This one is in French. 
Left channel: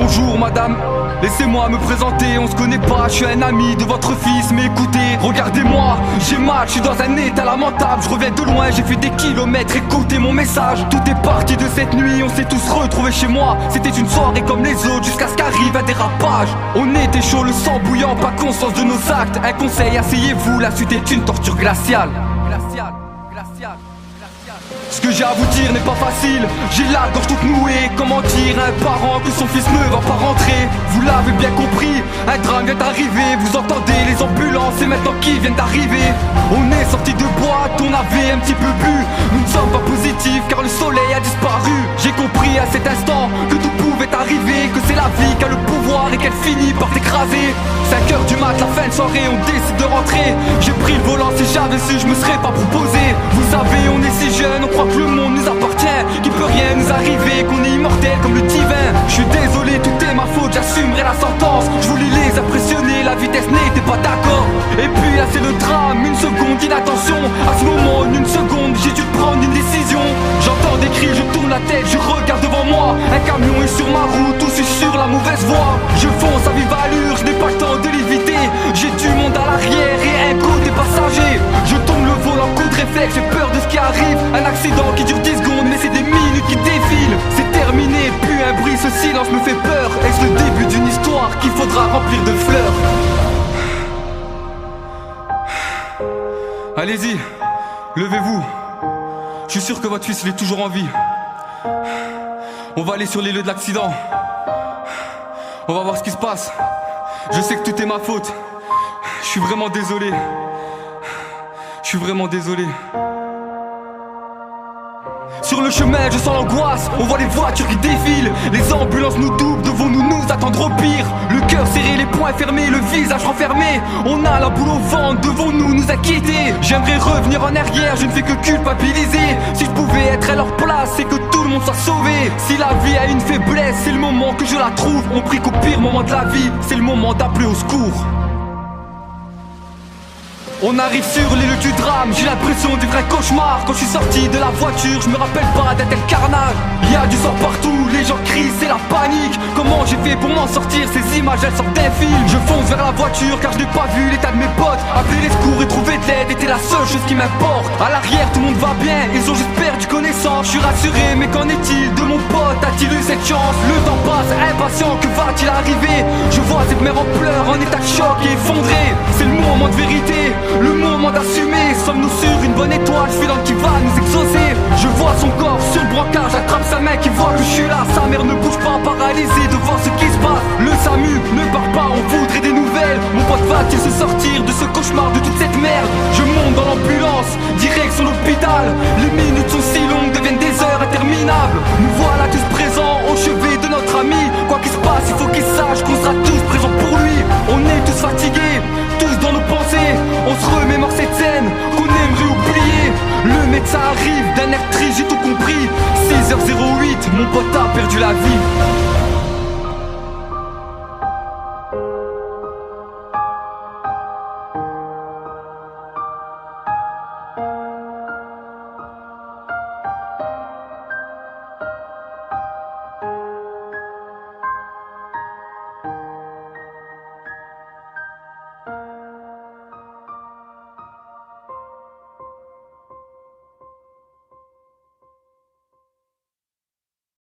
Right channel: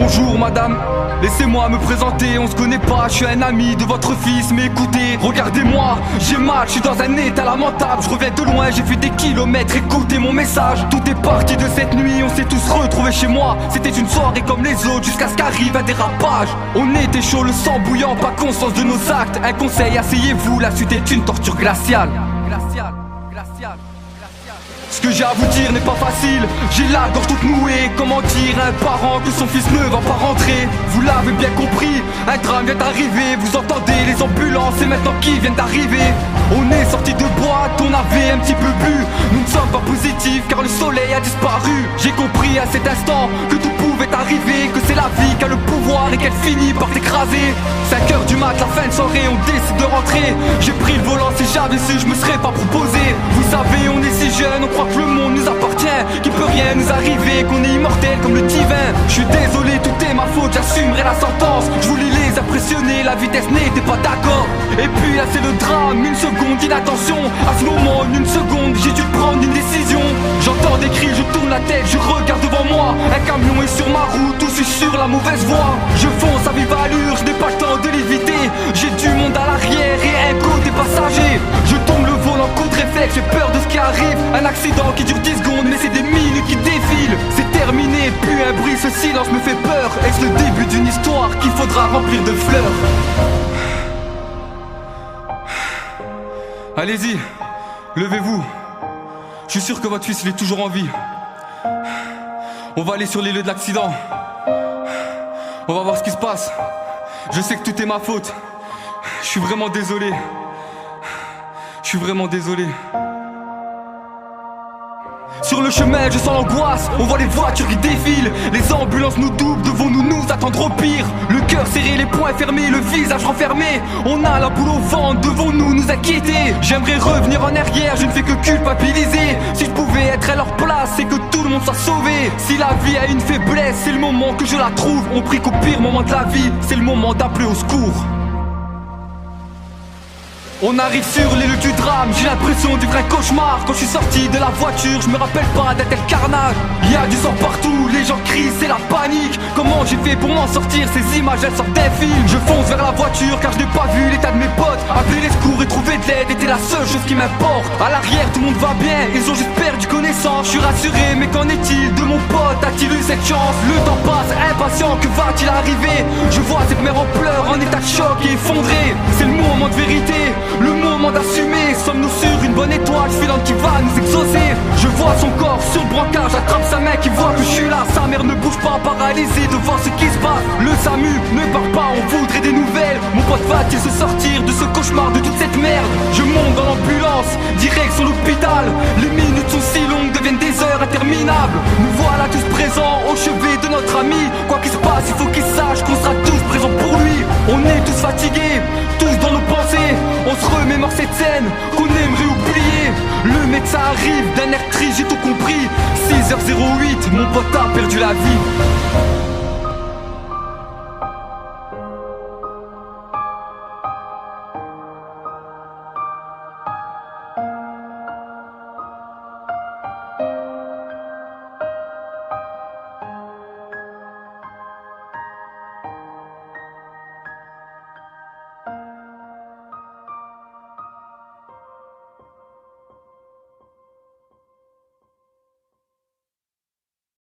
Bonjour madame, laissez-moi me présenter, on se connaît pas, je suis un ami de votre fils. Mais écoutez, regardez-moi, j'ai mal, je suis dans un état lamentable. Je reviens de loin, j'ai fait des kilomètres, écoutez mon message. Tout est parti de cette nuit, on s'est tous retrouvés chez moi. C'était une soirée comme les autres, jusqu'à ce qu'arrive un dérapage. On était chaud, le sang bouillant, pas conscience de nos actes. Un conseil, asseyez-vous, la suite est une torture glaciale. Glaciale, glaciale. Ce que j'ai à vous dire n'est pas facile, j'ai la gorge toute nouée. Comment dire à un parent que son fils ne va pas rentrer? Vous l'avez bien compris, un drame vient d'arriver. Vous entendez les ambulances et maintenant qui viennent d'arriver. On est sorti de boîte, on avait un petit peu bu. Nous ne sommes pas positifs car le soleil a disparu. J'ai compris à cet instant que tout pouvait arriver, que c'est la vie qui a le pouvoir et qu'elle finit par t'écraser. 5h du mat, la fin de soirée, on décide de rentrer. J'ai pris le volant, si j'avais su, je me serais pas proposé. Vous savez, on est si jeunes, on croit que le monde nous appartient, qu'il peut rien nous arriver, qu'on est immortel comme le divin. Je suis désolé, tout est ma faute, j'assumerai la sentence. Je voulais les impressionner, la vitesse n'était pas d'accord. Et puis là c'est le drame, une seconde d'inattention. À ce moment, en une seconde, j'ai dû prendre une décision. J'entends des cris, je tourne la tête, je regarde devant moi. Un camion est sur ma route, ou suis sur la mauvaise voie. Je fonce à vive allure, je n'ai pas le temps de l'éviter. J'ai du monde à l'arrière et un côté passager. Je tourne le volant, coup de réflexe, j'ai peur de ce qui arrive. Un accident qui dure 10 secondes, mais c'est des minutes qui défilent. C'est terminé, puis un bruit, ce silence me fait peur. Est-ce le début d'une histoire qu'il faudra remplir de fleurs? Allez-y, levez-vous. Je suis sûr que votre fils il est toujours en vie. On va aller sur les lieux de l'accident. On va voir ce qui se passe. Je sais que tout est ma faute. Je suis vraiment désolé. Je suis vraiment désolé. Sur le chemin, je sens l'angoisse, on voit les voitures qui défilent. Les ambulances nous doublent, devons-nous nous attendre au pire? Le cœur serré, les poings fermés, le visage renfermé. On a la boule au ventre, devons-nous nous inquiéter? J'aimerais revenir en arrière, je ne fais que culpabiliser. Si je pouvais être à leur place, c'est que tout le monde soit sauvé. Si la vie a une faiblesse, c'est le moment que je la trouve. On prie qu'au pire moment de la vie, c'est le moment d'appeler au secours. On arrive sur les lieux du drame, j'ai l'impression du vrai cauchemar. Quand je suis sorti de la voiture, je me rappelle pas d'un tel carnage. Il y a du sang partout, les gens crient, c'est la panique. Comment j'ai fait pour m'en sortir? Ces images elles sortent d'un film. Je fonce vers la voiture car je n'ai pas vu l'état de mes potes. Appeler les secours et trouver de l'aide était la seule chose qui m'importe. À l'arrière tout le monde va bien, ils ont juste perdu connaissance. Je suis rassuré, mais qu'en est-il de mon pote? A-t-il eu cette chance? Le temps passe, impatient, que va-t-il arriver? Je vois cette mère en pleurs, en état de choc et effondrée. C'est le moment de vérité, le moment d'assumer. Sommes-nous sur une bonne étoile filante qui va nous exaucer? Je vois son corps sur le brancard, j'attrape sa main qui voit que je suis là. Sa mère ne bouge pas, paralysée devant ce qui se passe. Le SAMU ne part pas, on voudrait des nouvelles. Mon pote va-t-il se sortir de ce cauchemar, de toute cette merde? Je monte dans l'ambulance, direction l'hôpital. Les minutes sont si longues, deviennent des heures interminables. Nous voilà tous présents au chevet de notre ami. Quoi qu'il se passe, il faut qu'il sache qu'on sera tous présents pour lui. On est tous fatigués, tous dans nos pensées. On se remémore cette scène qu'on aimerait oublier. Le médecin arrive d'un air triste, j'ai tout compris. 6h08, mon pote a perdu la vie.